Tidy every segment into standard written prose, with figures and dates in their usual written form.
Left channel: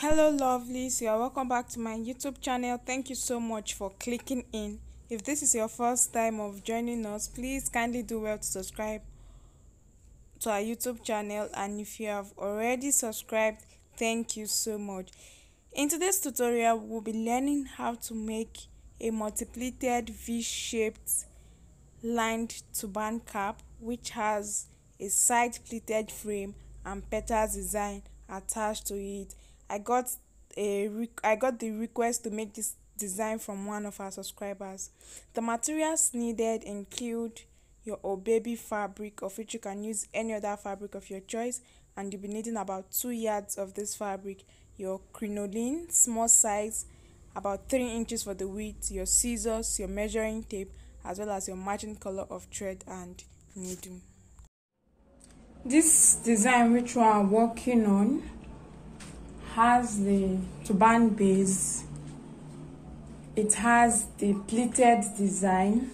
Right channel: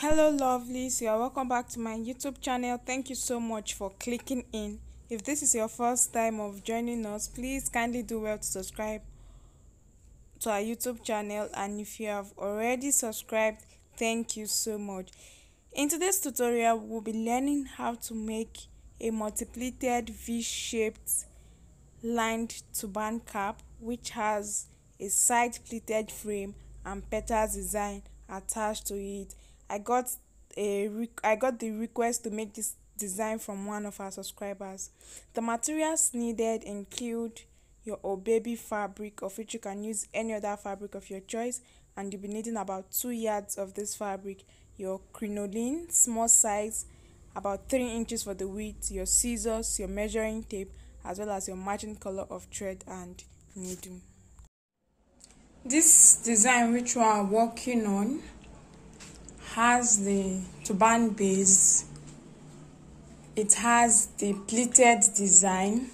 Hello lovelies, you are welcome back to my YouTube channel. Thank you so much for clicking in. If this is your first time of joining us, please kindly do well to subscribe to our YouTube channel, and if you have already subscribed, thank you so much. In today's tutorial, we'll be learning how to make a multi-pleated V-shaped lined turban cap which has a side pleated frame and petals design attached to it. I got the request to make this design from one of our subscribers. The materials needed include your baby fabric, of which you can use any other fabric of your choice, and you'll be needing about 2 yards of this fabric, your crinoline small size, about 3 inches for the width, your scissors, your measuring tape, as well as your matching color of thread and needle. This design which we are working on has the turban base, it has the pleated design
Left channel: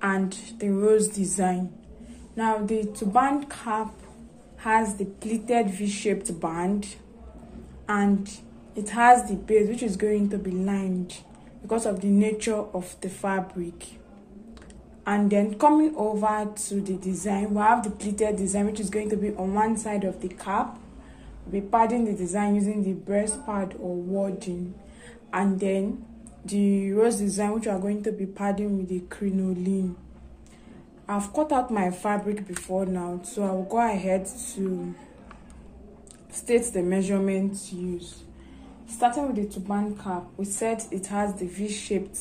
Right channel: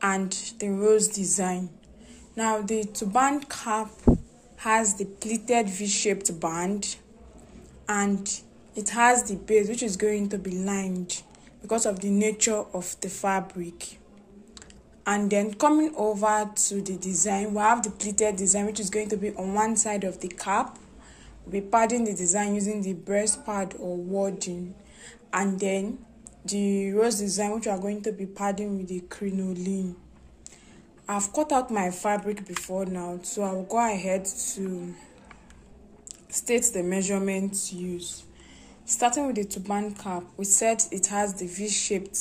and the rose design. Now the turban cap has the pleated V-shaped band and it has the base which is going to be lined because of the nature of the fabric. And then coming over to the design, we have the pleated design which is going to be on one side of the cap. We'll be padding the design using the breast pad or wadding, and then the rose design which we are going to be padding with the crinoline. I've cut out my fabric before now, so I'll go ahead to state the measurements used. Starting with the turban cap, we said it has the V-shaped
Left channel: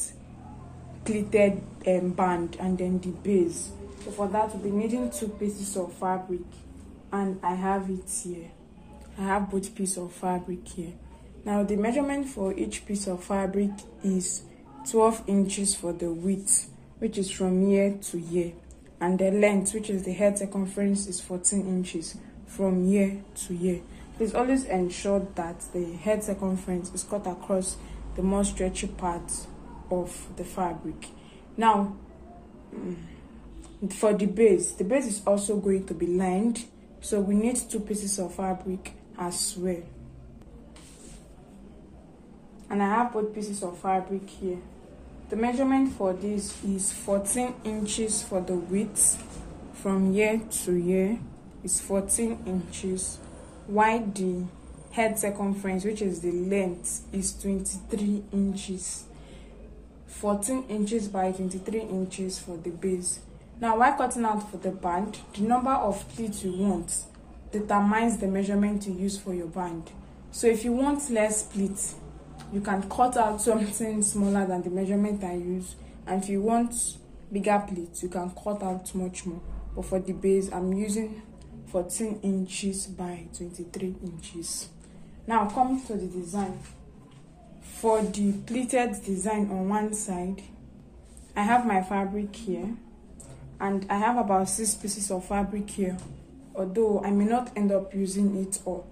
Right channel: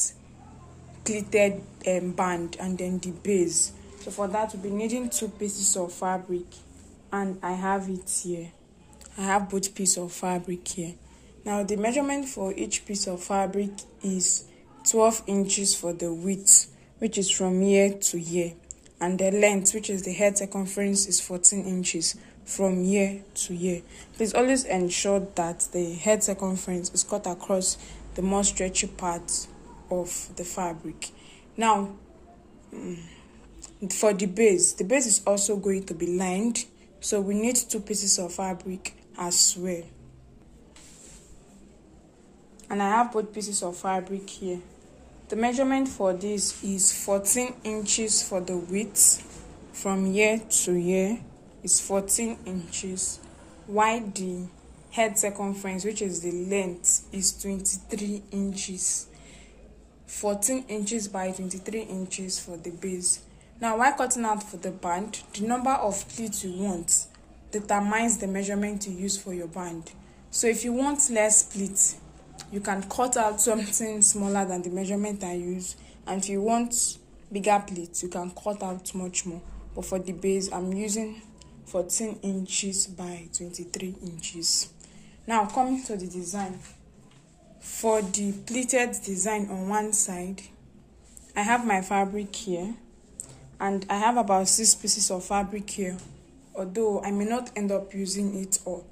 pleated band and then the base. So for that, we'll be needing 2 pieces of fabric, and I have it here. I have both pieces of fabric here. Now the measurement for each piece of fabric is 12 inches for the width, which is from here to here, and the length, which is the head circumference, is 14 inches from here to here. Please always ensure that the head circumference is cut across the more stretchy parts of the fabric. Now for the base is also going to be lined, so we need 2 pieces of fabric as well, and I have both pieces of fabric here. The measurement for this is 14 inches for the width, from here to here is 14 inches, while the head circumference, which is the length, is 23 inches. 14 inches by 23 inches for the base. Now while cutting out for the band, the number of pleats you want determines the measurement you use for your band. So if you want less pleats, you can cut out something smaller than the measurement I use, and if you want bigger pleats, you can cut out much more. But for the base, I'm using 14 inches by 23 inches. Now coming to the design. For the pleated design on one side, I have my fabric here, and I have about 6 pieces of fabric here, although I may not end up using it all.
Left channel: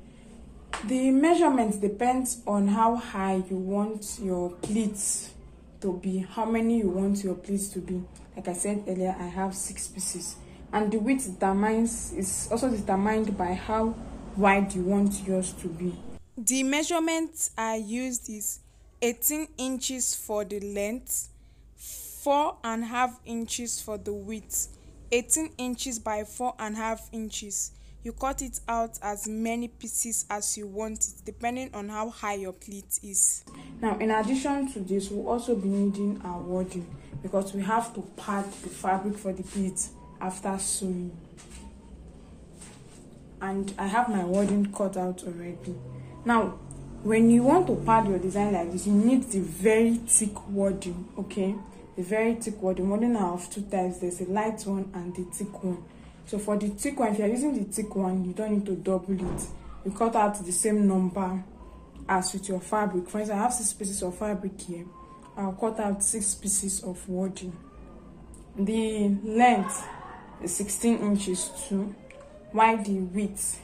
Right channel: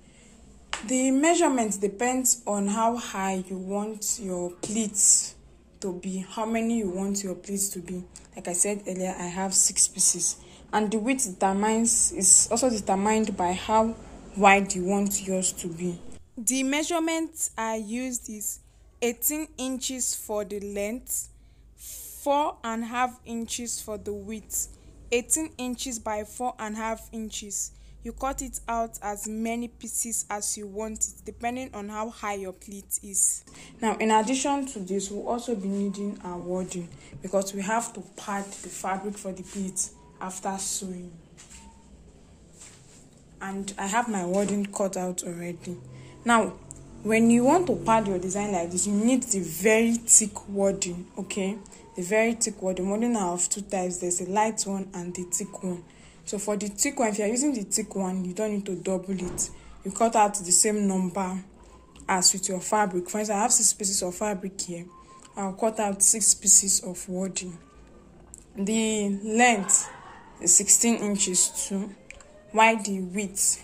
The measurement depends on how high you want your pleats to be, how many you want your pleats to be. Like I said earlier, I have 6 pieces, and the width is also determined by how wide you want yours to be. The measurement I used is 18 inches for the length, 4.5 inches for the width, 18 inches by 4.5 inches. You cut it out as many pieces as you want it, depending on how high your pleat is. Now, in addition to this, we'll also be needing our wadding, because we have to pad the fabric for the pleat after sewing. And I have my wadding cut out already. Now, when you want to pad your design like this, you need the very thick wadding, okay? The very thick wadding. Wadding are of 2 types. There's a light one and the thick one. So for the thick one, if you're using the thick one, you don't need to double it. You cut out the same number as with your fabric. For instance, I have 6 pieces of fabric here. I'll cut out 6 pieces of wadding. The length is 16 inches too, while the width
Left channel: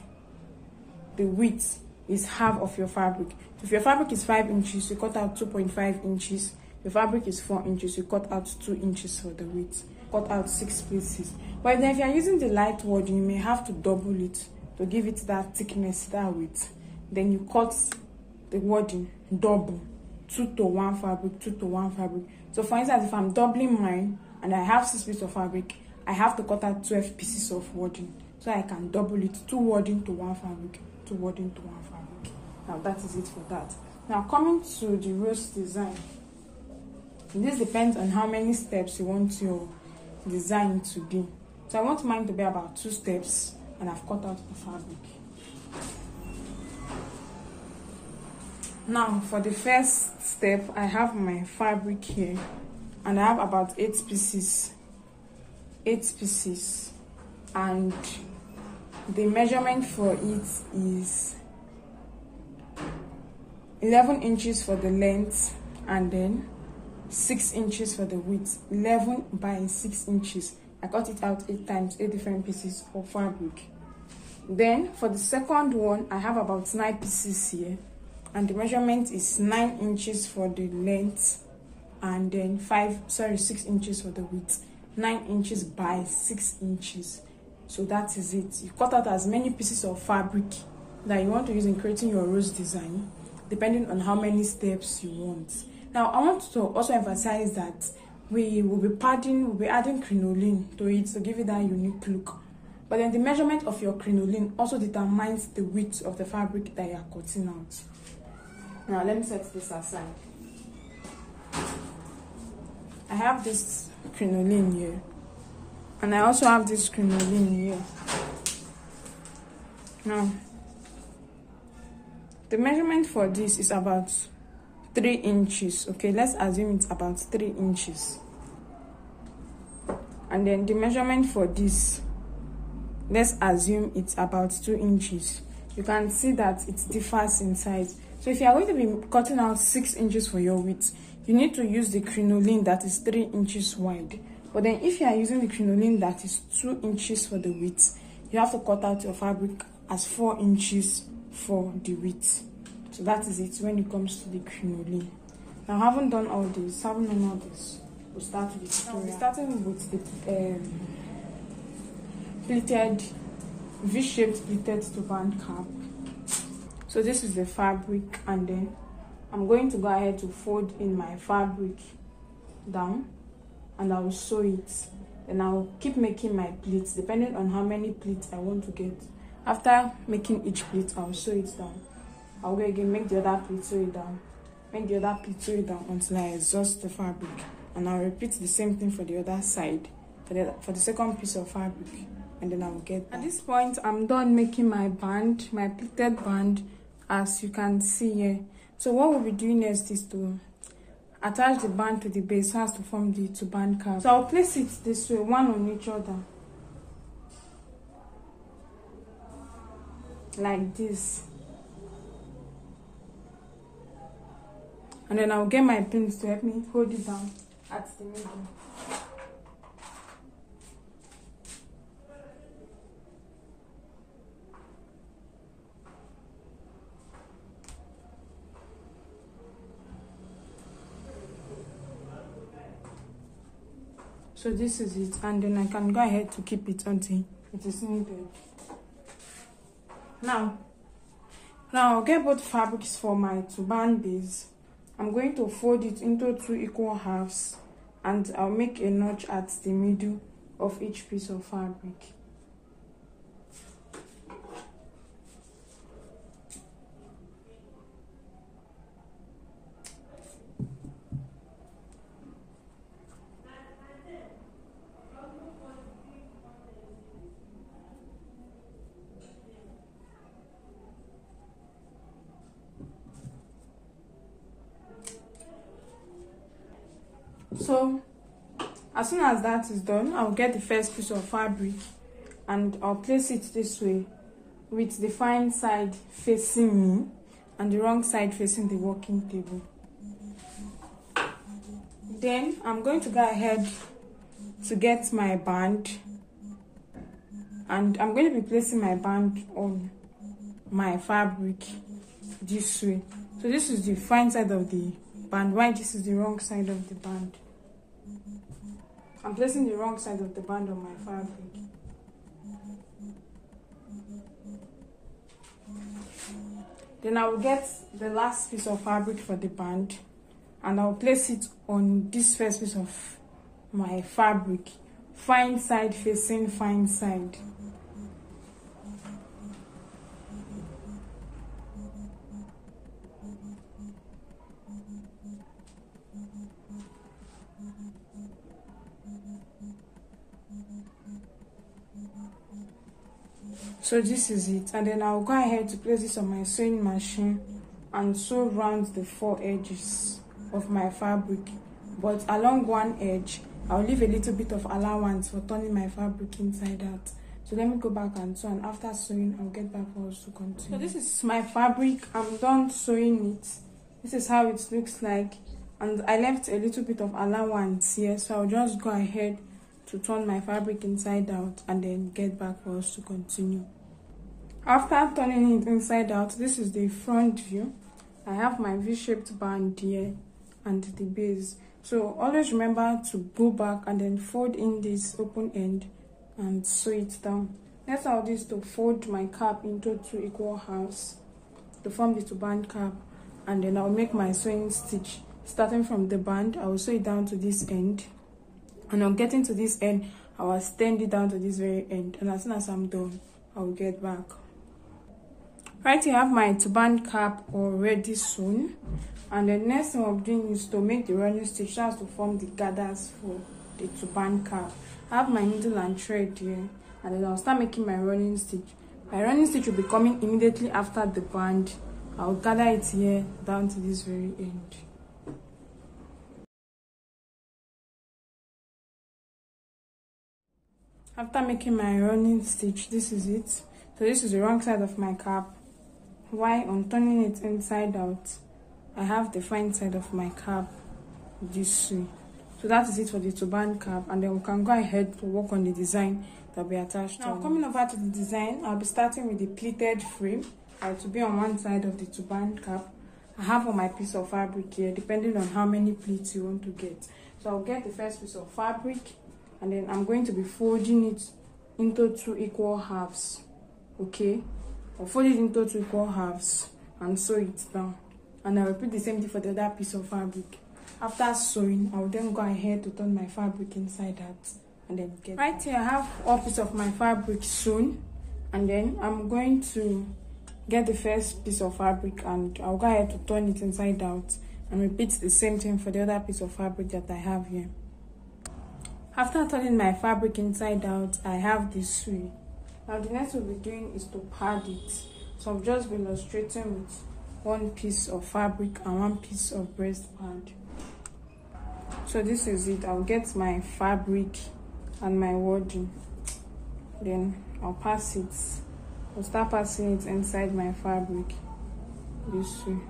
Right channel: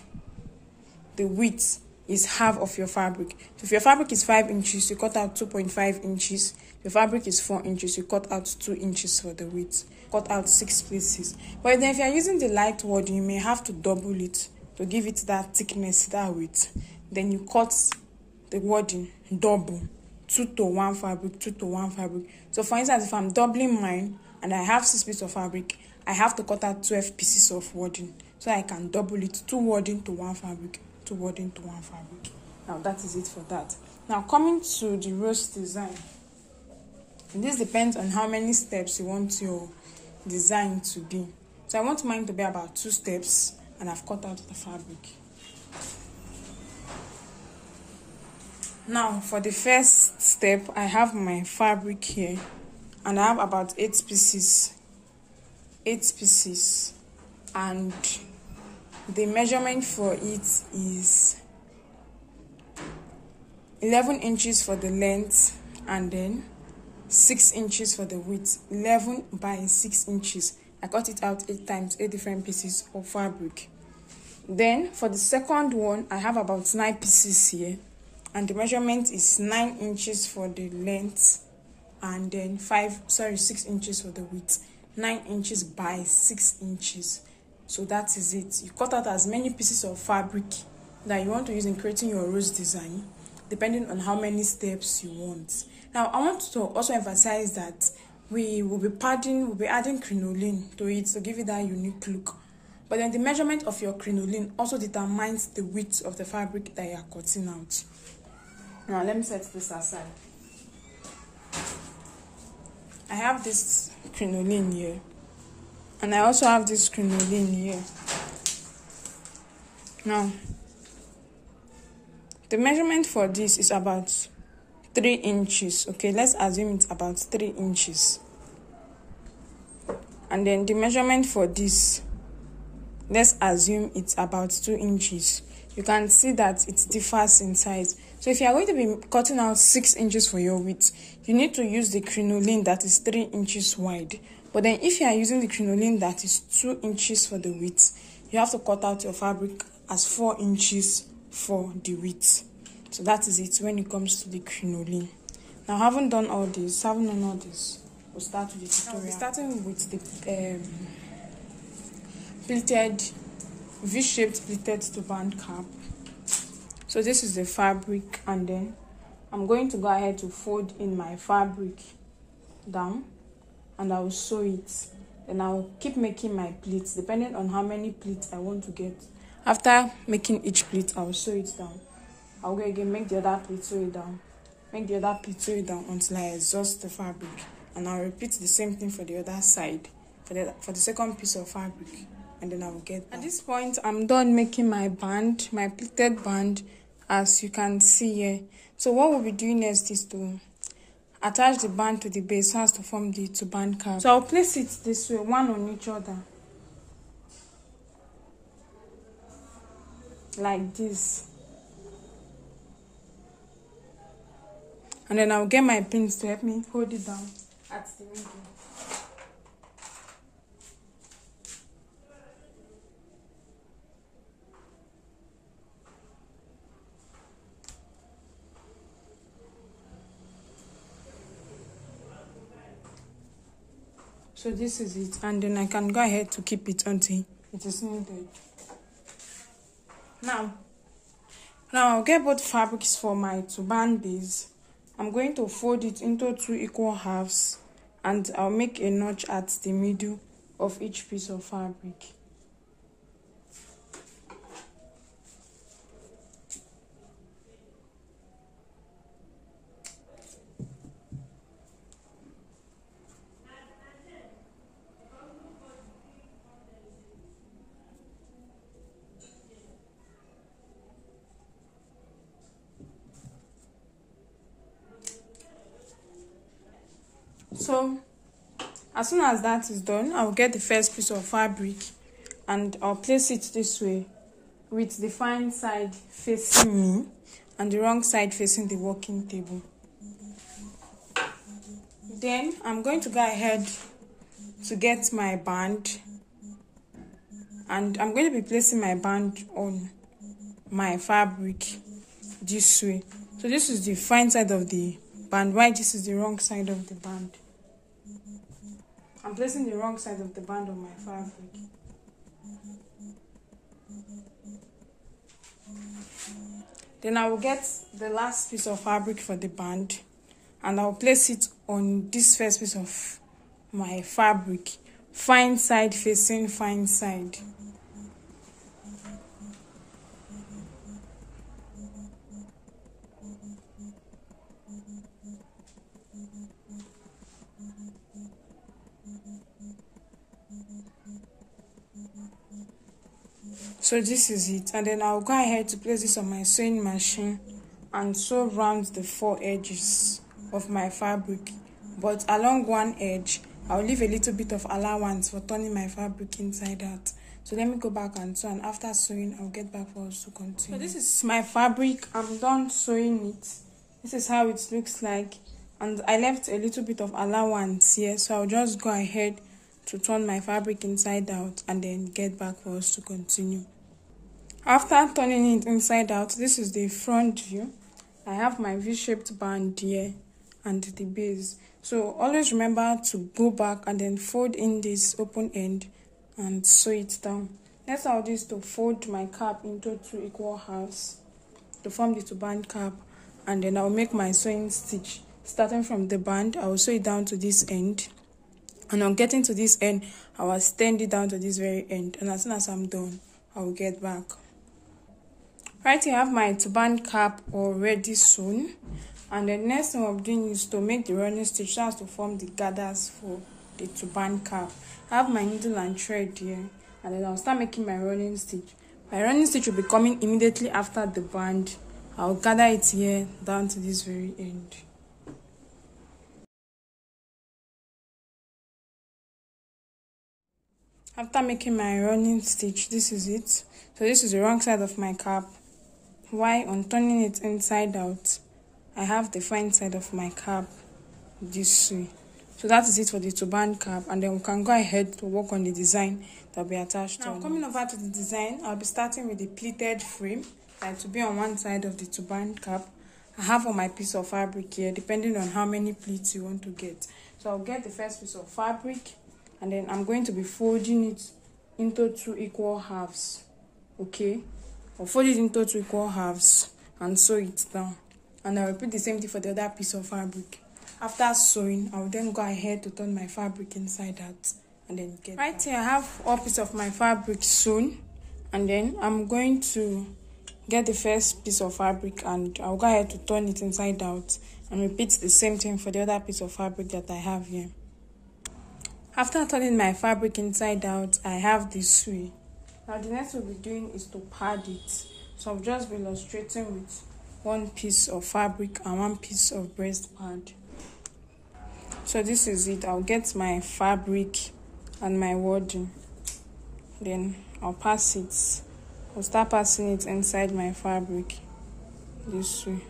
is half of your fabric. So if your fabric is 5 inches, you cut out 2.5 inches. If your fabric is 4 inches, you cut out 2 inches for the width. Cut out 6 pieces. But then if you are using the light wadding, you may have to double it to give it that thickness, that width. Then you cut the wording double, 2 to 1 fabric, 2 to 1 fabric. So for instance, if I'm doubling mine and I have 6 pieces of fabric, I have to cut out 12 pieces of wording, so I can double it, 2 wording to 1 fabric, 2 wording to 1 fabric. Now that is it for that. Now coming to the rose design, this depends on how many steps you want your design to be. So I want mine to be about 2 steps, and I've cut out the fabric. Now for the first step, I have my fabric here, and I have about 8 pieces, and the measurement for it is 11 inches for the length, and then 6 inches for the width. 11 by 6 inches. I cut it out 8 times, 8 different pieces of fabric. Then for the second one, I have about 9 pieces here, and the measurement is 9 inches for the length, and then 6 inches for the width. 9 inches by 6 inches. So that is it. You cut out as many pieces of fabric that you want to use in creating your rose design, depending on how many steps you want. Now I want to also emphasize that we will be adding crinoline to it to give it that unique look. But then the measurement of your crinoline also determines the width of the fabric that you are cutting out. Now let me set this aside. I have this crinoline here, and I also have this crinoline here. Now the measurement for this is about 3 inches. Okay, let's assume it's about 3 inches. And then the measurement for this, let's assume it's about 2 inches. You can see that it differs in size. So if you are going to be cutting out 6 inches for your width, you need to use the crinoline that is 3 inches wide. But then if you are using the crinoline that is 2 inches for the width, you have to cut out your fabric as 4 inches for the width. So that is it when it comes to the crinoline. Now having done all this, we'll start with the tutorial. We're starting with the pleated, V-shaped pleated turban cap. So this is the fabric, and then I'm going to go ahead to fold in my fabric down, and I will sew it. And I'll keep making my pleats depending on how many pleats I want to get. After making each pleat, I'll sew it down. I'll go again, make the other pleat, sew it down. Make the other pleat, sew it down until I exhaust the fabric. And I'll repeat the same thing for the other side, for the second piece of fabric. And then I'll get that. At this point, I'm done making my band, my pleated band, as you can see here. So what we'll be doing next is to attach the band to the base so as to form the turban cap. So I'll place it this way, one on each other, like this. And then I'll get my pins to help me hold it down at the middle. So this is it, and then I can go ahead to keep it until it is needed. Now I'll get both fabrics for my turban base. I'm going to fold it into 2 equal halves, and I'll make a notch at the middle of each piece of fabric. So as soon as that is done, I'll get the first piece of fabric and I'll place it this way, with the fine side facing me and the wrong side facing the working table. Then I'm going to go ahead to get my band, and I'm going to be placing my band on my fabric this way. So this is the fine side of the band, while this is the wrong side of the band. I'm placing the wrong side of the band on my fabric. Then I will get the last piece of fabric for the band and I'll place it on this first piece of my fabric, fine side facing fine side. So this is it, and then I'll go ahead to place this on my sewing machine and sew round the 4 edges of my fabric, but along one edge I'll leave a little bit of allowance for turning my fabric inside out. So let me go back and sew, and after sewing I'll get back for us to continue. So this is my fabric. I'm done sewing it. This is how it looks like, and I left a little bit of allowance here, so I'll just go ahead to turn my fabric inside out and then get back for us to continue. After turning it inside out, this is the front view. I have my V-shaped band here and the base. So always remember to go back and then fold in this open end and sew it down. Next I'll do is to fold my cap into 2 equal halves to form the turban cap, and then I'll make my sewing stitch. Starting from the band, I will sew it down to this end, and on getting to this end, I will extend it down to this very end, and as soon as I'm done, I will get back. Right here I have my turban cap already sewn, and the next thing I'm doing is to make the running stitch so as to form the gathers for the turban cap. I have my needle and thread here, and then I'll start making my running stitch. My running stitch will be coming immediately after the band. I'll gather it here down to this very end. After making my running stitch, this is it. So this is the wrong side of my cap. While on turning it inside out, I have the fine side of my cap this way. So that is it for the turban cap, and then we can go ahead to work on the design that will be attached to it. Now coming over to the design, I'll be starting with the pleated frame to be on one side of the turban cap. I have on my piece of fabric here, depending on how many pleats you want to get. So I'll get the first piece of fabric, and then I'm going to be folding it into 2 equal halves. Okay, I'll fold it into 2 equal halves and sew it down, and I'll repeat the same thing for the other piece of fabric. After sewing, I'll then go ahead to turn my fabric inside out and then get right here. I have all piece of my fabric sewn, and then I'm going to get the first piece of fabric and I'll go ahead to turn it inside out and repeat the same thing for the other piece of fabric that I have here. After turning my fabric inside out, I have this way. Now the next we'll be doing is to pad it. So I've just been illustrating with 1 piece of fabric and 1 piece of breast pad. So this is it. I'll get my fabric and my wording, then I'll pass it. I'll start passing it inside my fabric this way.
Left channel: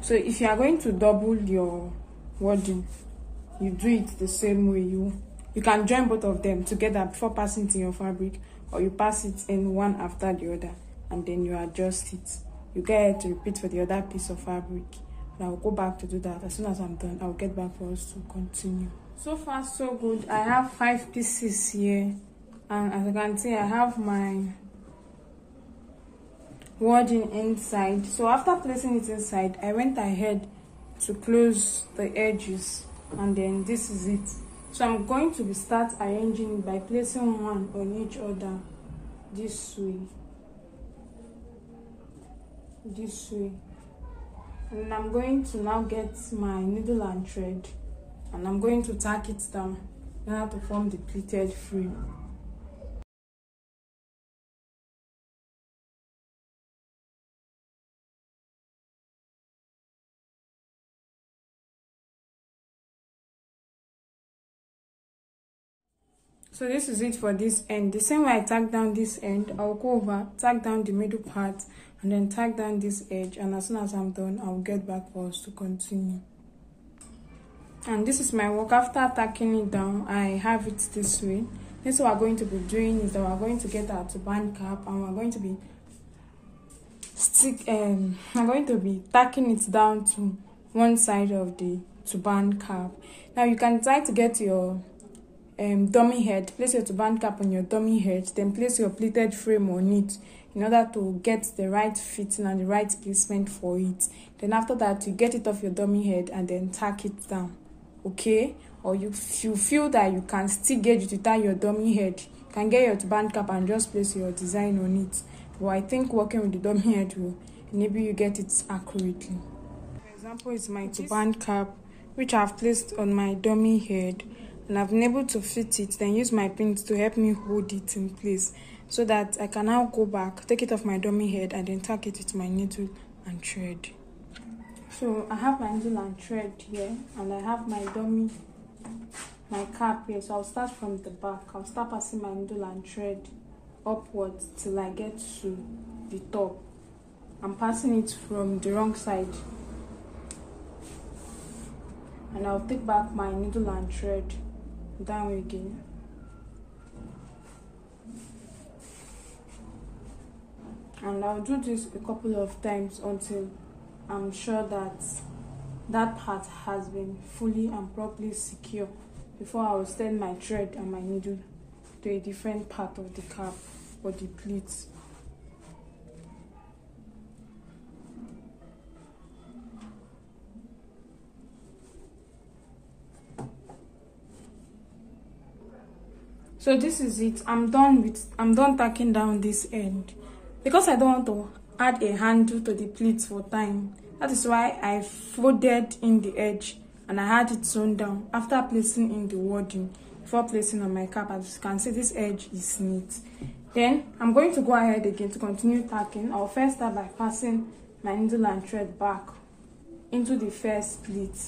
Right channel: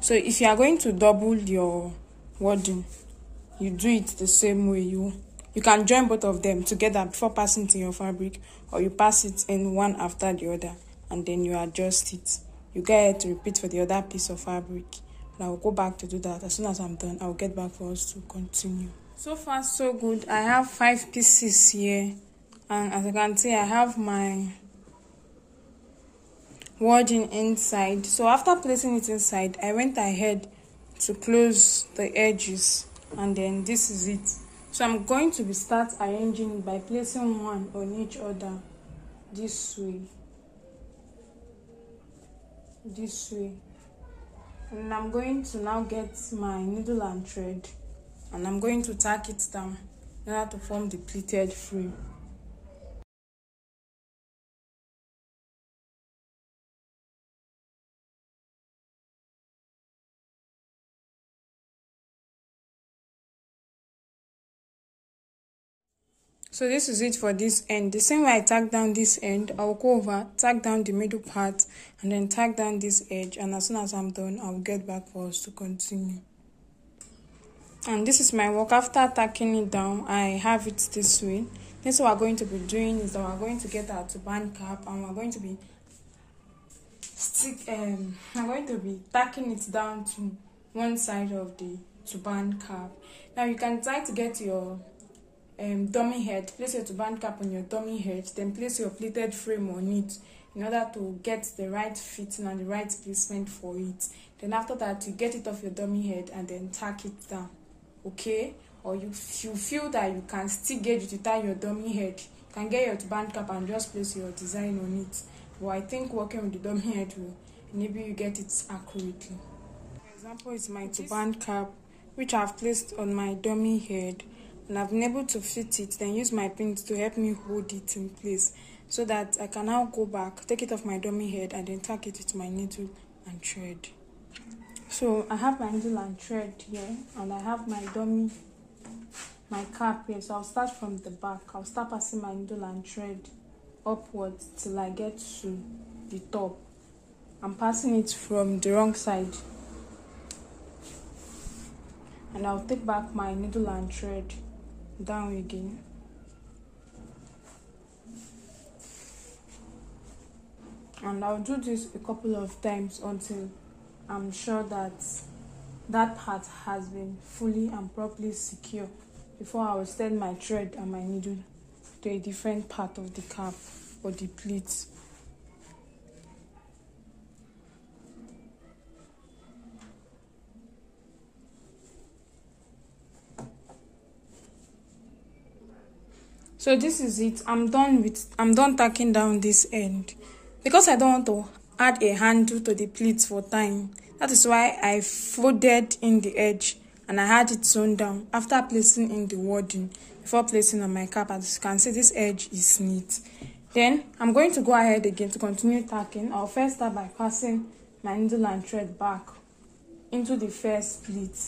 So if you are going to double your wording, you do it the same way. You can join both of them together before passing it in your fabric, or you pass it in one after the other and then you adjust it. You get ahead to repeat for the other piece of fabric, and I'll go back to do that. As soon as I'm done, I'll get back for us to continue. So far so good. I have 5 pieces here, and as you can see, I have my wording inside. So after placing it inside, I went ahead to close the edges, and then this is it. So I'm going to start arranging it by placing one on each other this way, and I'm going to now get my needle and thread, and I'm going to tack it down in order to form the pleated frame. So this is it for this end. The same way I tack down this end, I'll go over, tack down the middle part, and then tack down this edge, and as soon as I'm done, I'll get back for us to continue. And this is my work. After tacking it down, I have it this way. This what we're going to be doing is that we're going to get our turban cap, and we're going to be tacking it down to one side of the turban cap. Now you can try to get your dummy head, place your turban cap on your dummy head, then place your pleated frame on it in order to get the right fitting and the right placement for it. Then after that, you get it off your dummy head and then tack it down, okay? Or if you feel that you can still get it without your dummy head, you can get your turban cap and just place your design on it. But I think working with the dummy head will enable you get it accurately. For example, it's my turban cap, which I've placed on my dummy head, and I've been able to fit it, then use my pins to help me hold it in place so that I can now go back, take it off my dummy head, and then tack it with my needle and thread. So I have my needle and thread here, and I have my cap here. So I'll start from the back. I'll start passing my needle and thread upwards till I get to the top. I'm passing it from the wrong side, and I'll take back my needle and thread down again. And I'll do this a couple of times until I'm sure that that part has been fully and properly secure before I will send my thread and my needle to a different part of the cap or the pleats. So this is it. I'm done tacking down this end because I don't want to add a handle to the pleats for time. That is why I folded in the edge and I had it sewn down after placing in the wording before placing on my cap. As you can see, this edge is neat. Then I'm going to go ahead again to continue tacking. I'll first start by passing my needle and thread back into the first pleat.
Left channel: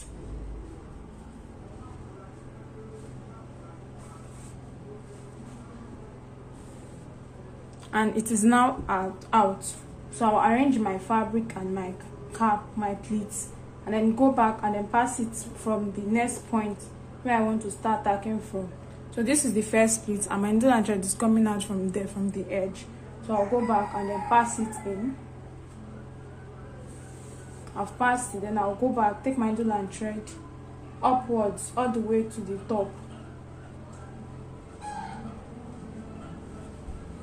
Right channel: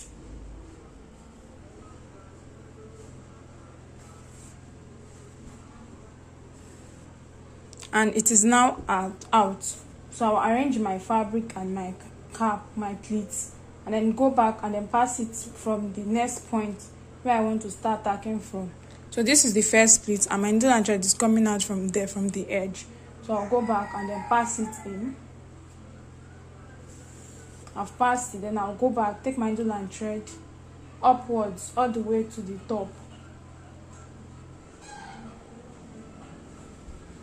And it is now out. So I'll arrange my fabric and my cap, my pleats, and then go back and then pass it from the next point where I want to start tacking from. So this is the first pleat, and my needle and thread is coming out from there, from the edge. So I'll go back and then pass it in. I've passed it, then I'll go back, take my needle and thread upwards all the way to the top.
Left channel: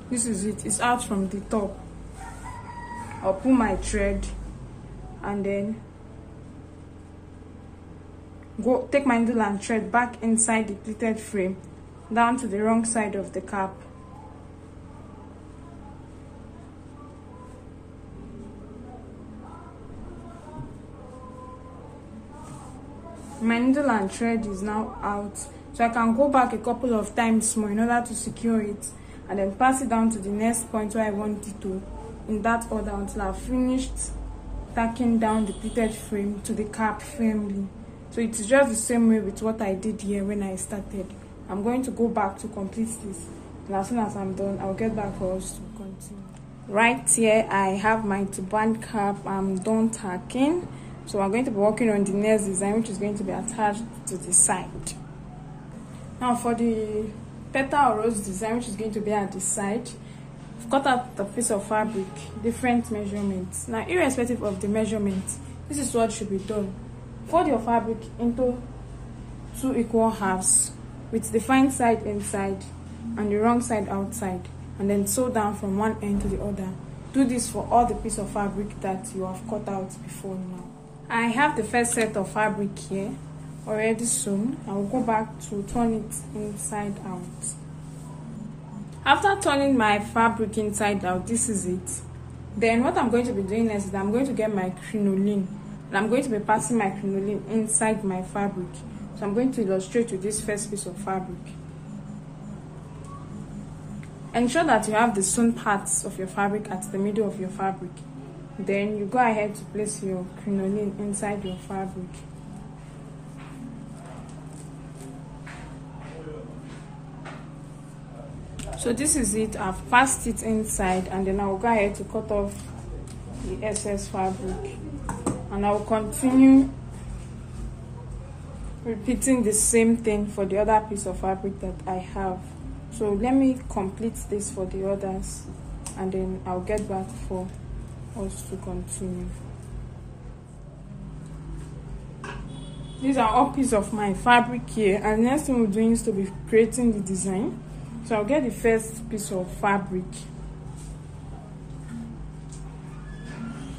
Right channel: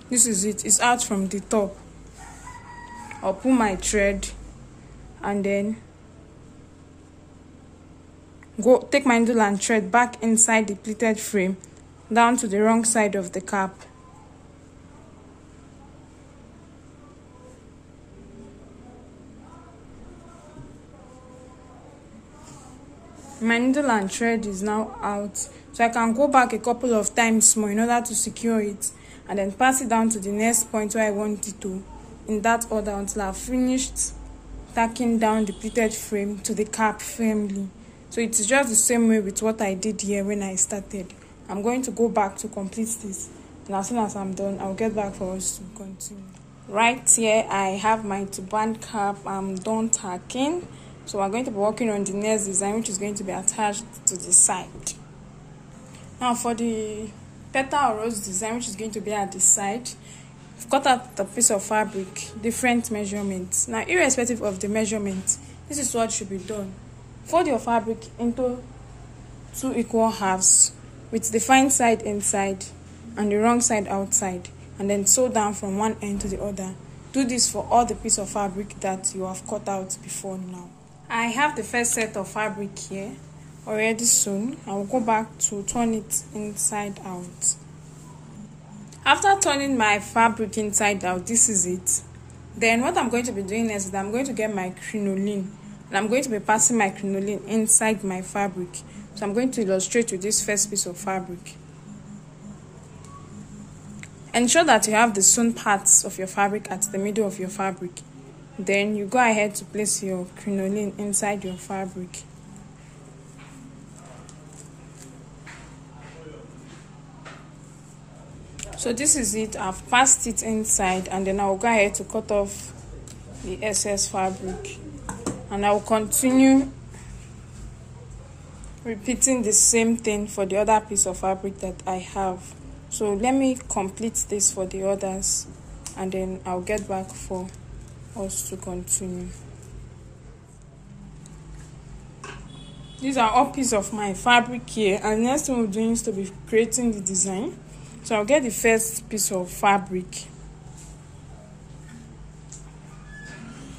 This is it. It's out from the top. I'll pull my thread and then go take my needle and thread back inside the pleated frame down to the wrong side of the cap. My needle and thread is now out, so I can go back a couple of times more in order to secure it and then pass it down to the next point where I want it to, in that order, until I've finished tacking down the pleated frame to the cap firmly. So it's just the same way with what I did here when I started. I'm going to go back to complete this, and as soon as I'm done, I'll get back for us to continue. Right here, I have my turban cap. I'm done tacking. So we're going to be working on the next design, which is going to be attached to the side. Now for the petal rose design, which is going to be at the side, I've cut out the piece of fabric, different measurements. Now, irrespective of the measurement, this is what should be done. Fold your fabric into 2 equal halves with the fine side inside and the wrong side outside, and then sew down from one end to the other. Do this for all the piece of fabric that you have cut out before now. I have the first set of fabric here already sewn. I will go back to turn it inside out. After turning my fabric inside out, this is it. Then what I'm going to be doing next is I'm going to get my crinoline, and I'm going to be passing my crinoline inside my fabric. So I'm going to illustrate with this first piece of fabric. Ensure that you have the sewn parts of your fabric at the middle of your fabric. Then you go ahead to place your crinoline inside your fabric. So this is it. I've passed it inside, and then I'll go ahead to cut off the excess fabric, and I'll continue repeating the same thing for the other piece of fabric that I have. So let me complete this for the others, and then I'll get back for us to continue. These are all pieces of my fabric here, and next thing we're doing is to be creating the design. So I'll get the first piece of fabric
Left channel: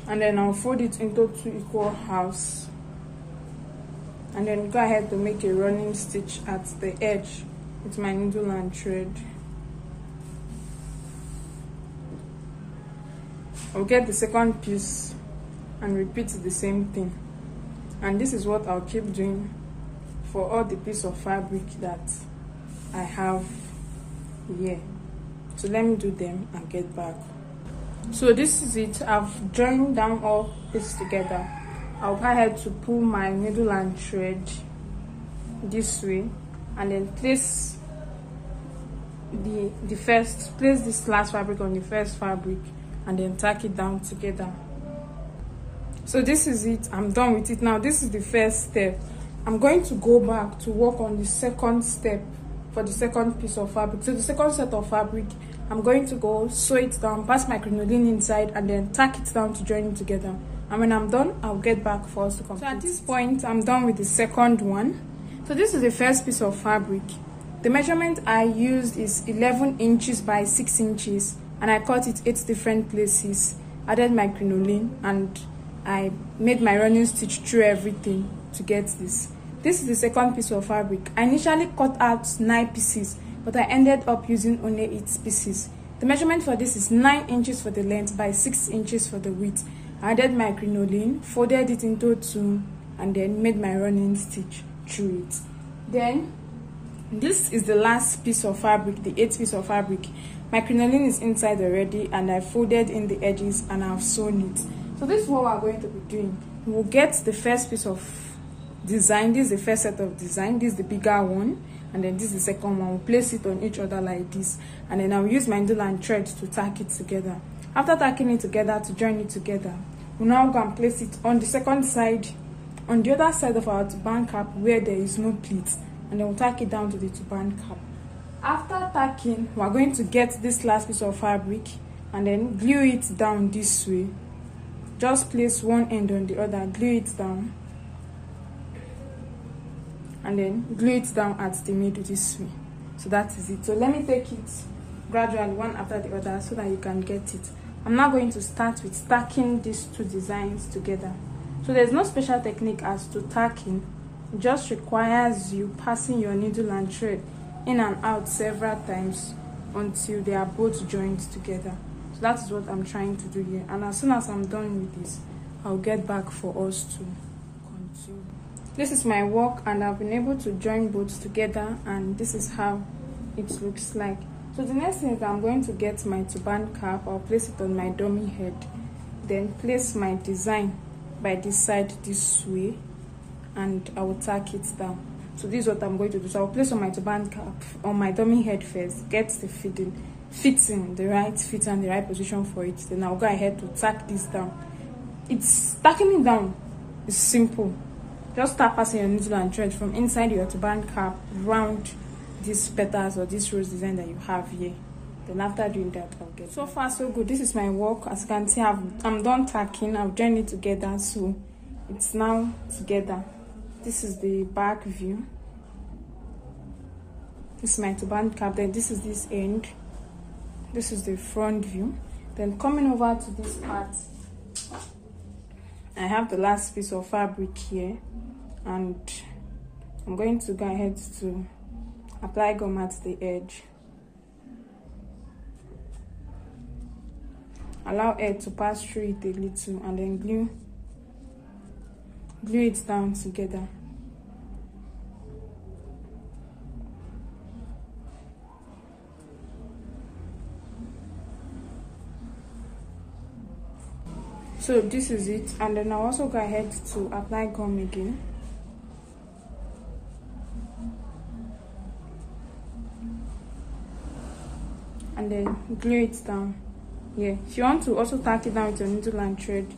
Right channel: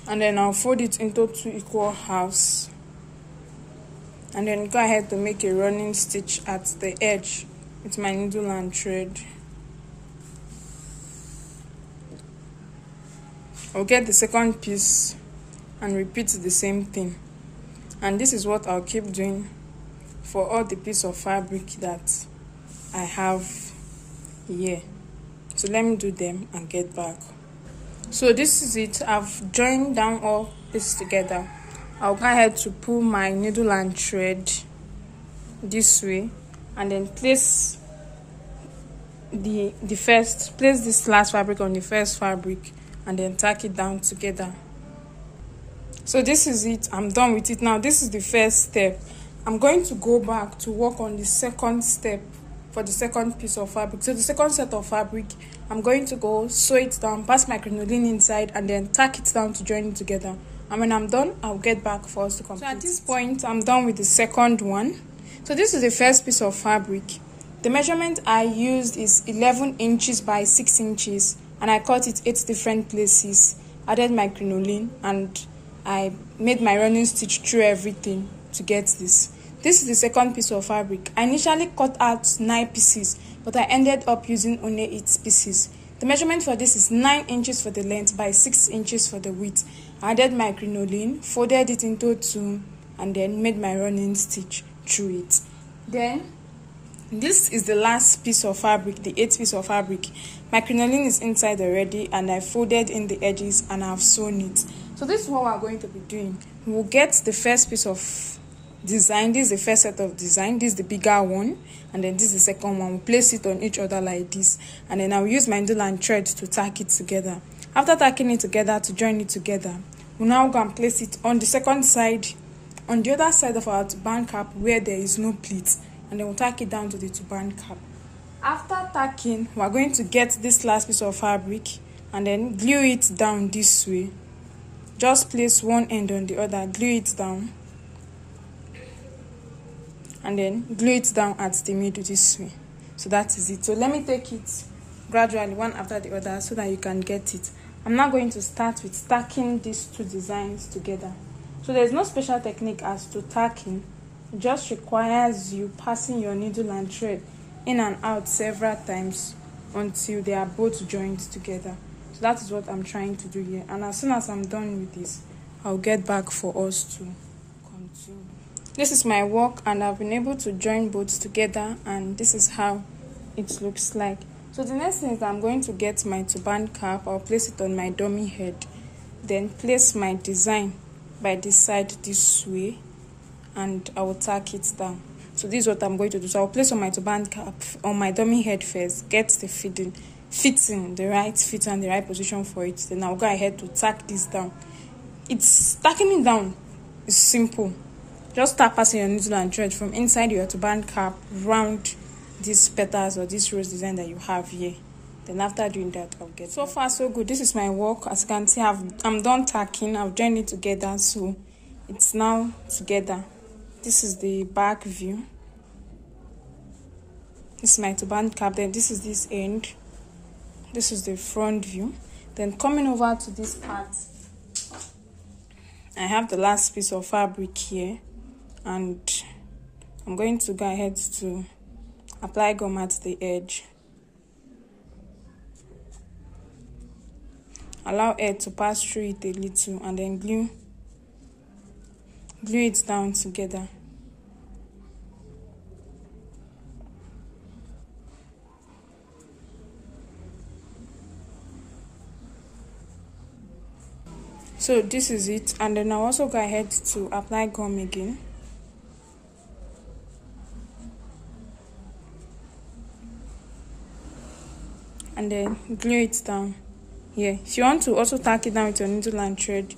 and then I'll fold it into 2 equal halves, and then go ahead to make a running stitch at the edge with my needle and thread. I'll get the second piece and repeat the same thing, and this is what I'll keep doing for all the piece of fabric that I have here. So let me do them and get back. So this is it. I've joined down all this together. I'll go ahead to pull my needle and thread this way, and then place this last fabric on the first fabric, and then tack it down together. So this is it. I'm done with it. Now this is the first step. I'm going to go back to work on the second step for the second piece of fabric. So the second set of fabric, I'm going to go sew it down, pass my crinoline inside, and then tack it down to join it together. And when I'm done, I'll get back for us to complete. So at this point, I'm done with the second one. So this is the first piece of fabric. The measurement I used is 11 inches by 6 inches, and I cut it 8 different places, added my crinoline, and I made my running stitch through everything to get this. This is the second piece of fabric. I initially cut out 9 pieces, but I ended up using only 8 pieces. The measurement for this is 9 inches for the length by 6 inches for the width. I added my crinoline, folded it into 2, and then made my running stitch through it. Then this is the last piece of fabric, the 8th piece of fabric. My crinoline is inside already, and I folded in the edges and I've sewn it. So this is what we're going to be doing. We'll get the first piece of design. This is the first set of design. This is the bigger one, and then this is the second one. We'll place it on each other like this, and then I'll use my needle and thread to tack it together. After tacking it together, to join it together, we'll now go and place it on the second side, on the other side of our turban cap where there is no pleat, and then we'll tack it down to the turban cap. After tacking, we're going to get this last piece of fabric and then glue it down this way. Just place one end on the other, glue it down, and then glue it down at the middle this way. So that is it. So let me take it gradually one after the other so that you can get it. I'm now going to start with stacking these 2 designs together. So there's no special technique as to tacking. It just requires you passing your needle and thread in and out several times until they are both joined together. So that is what I'm trying to do here, and as soon as I'm done with this, I'll get back for us to continue. This is my work, and I've been able to join both together, and this is how it looks like. So the next thing is I'm going to get my turban cap. I'll place it on my dummy head, then place my design by this side this way, and I will tack it down. So this is what I'm going to do. So I'll place on my turban cap on my dummy head first, get the fitting, the right fit and the right position for it. Then I'll go ahead to tack this down. Tacking it down is simple. Just start passing your needle and thread from inside your turban cap round these petals or this rose design that you have here. Then after doing that, I'll get. So far so good. This is my work. As you can see, I'm done tacking. I've joined it together, so it's now together. This is the back view. This is my turban cap. Then this is this end. This is the front view. Then coming over to this part, I have the last piece of fabric here, and I'm going to go ahead to apply gum at the edge. Allow air to pass through it a little, and then glue it down together. So this is it, and then I'll also go ahead to apply gum again. And then glue it down here. If you want to also tack it down with your needle and thread,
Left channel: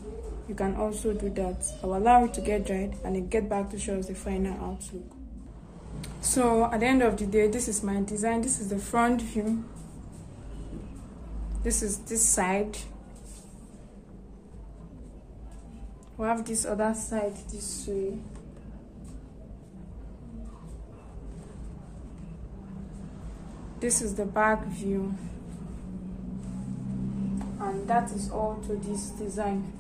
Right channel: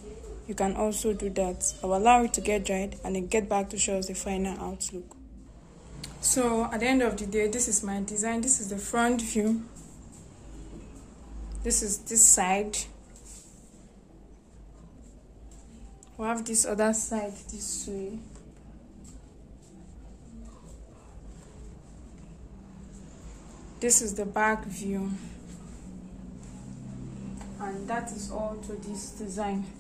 you can also do that. I'll allow it to get dried and then get back to show us the final outlook. So at the end of the day, this is my design. This is the front view. This is this side. We have this other side this way. This is the back view, and that is all to this design.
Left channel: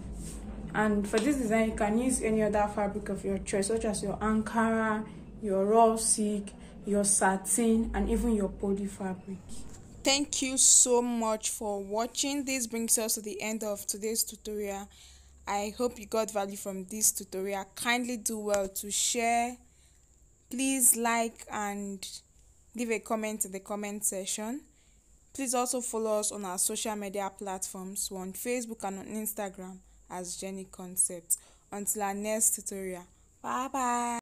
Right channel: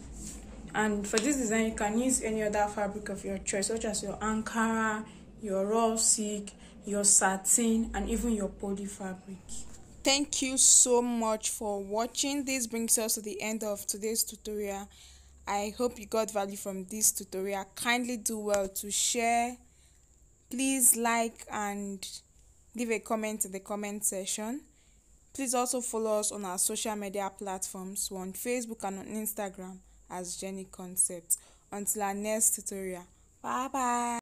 And for this design, you can use any other fabric of your choice, such as your Ankara, your raw silk, your satin, and even your poly fabric. Thank you so much for watching. This brings us to the end of today's tutorial. I hope you got value from this tutorial. Kindly do well to share. Please like and leave a comment in the comment section. Please also follow us on our social media platforms. We're on Facebook and on Instagram as Jenny Concept. Until our next tutorial. Bye bye.